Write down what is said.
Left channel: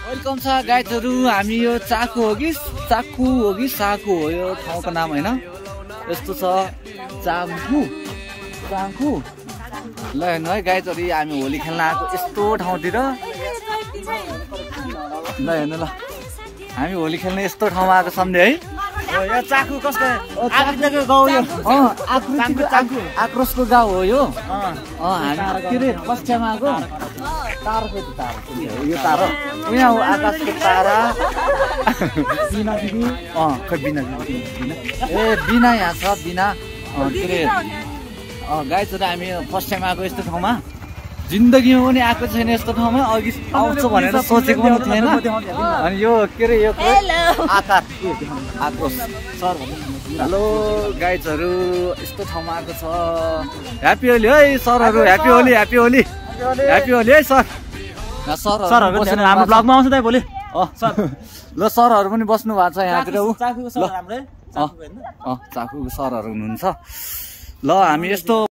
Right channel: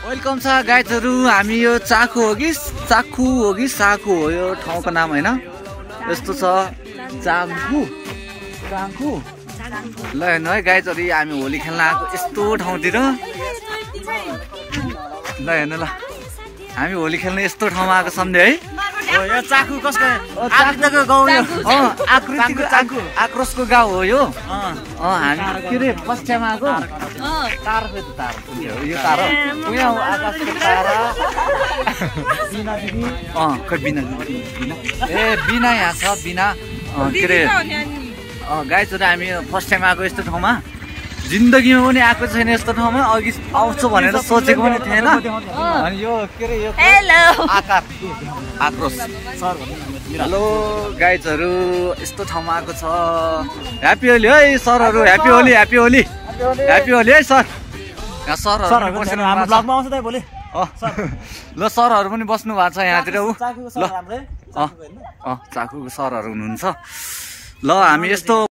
Welcome छ गाइजहरु। हामी यो चाकु हो कि साकु हो यो ठाउँको नाम हैन। यस्तो छ चाकु ल हेर्नु है गाइजहरु, हामी होली खेल्न आएको यस्तो ठाउँतिर। ल हेर्नु ल, हामी होली खेल्न यस्तो ठाउँमा आएको सम्झे है। यो चाकु कसको आकृतिको गाउँ यो आकृतिको चाकु आक्रोशको गाउँ हो यो। हामी के रे पश्चिममा आएको तार छ, तार यो तार यहाँ आकाशको तारा। खै बिना ए बिना यहाँ छ बिना के रे गाइजहरु। हामी फर्स्ट टाइम आएको यस्तो ठाउँमा, जिन्दगीमा पनि आएको छैन यस्तो ठाउँमा। अघि आउँछु भनेर सोचेको पनि थिएन। अनि यो के रे यो आक्रोश। हेलो गाइजहरु, यस्तो ठाउँमा आएको छ। ह्याप्पी होली है सरहरु, happy Holi happy Holi happy Holi है सर। यहाँ सरहरु बस्नु हाम्रो ब्लगमा आउँछ त भोलि। ल सरहरु पनि बस्नु भएको छ यहाँतिर। चाकुको सरहरु हुनुहुन्छ। ल हामी यस्तो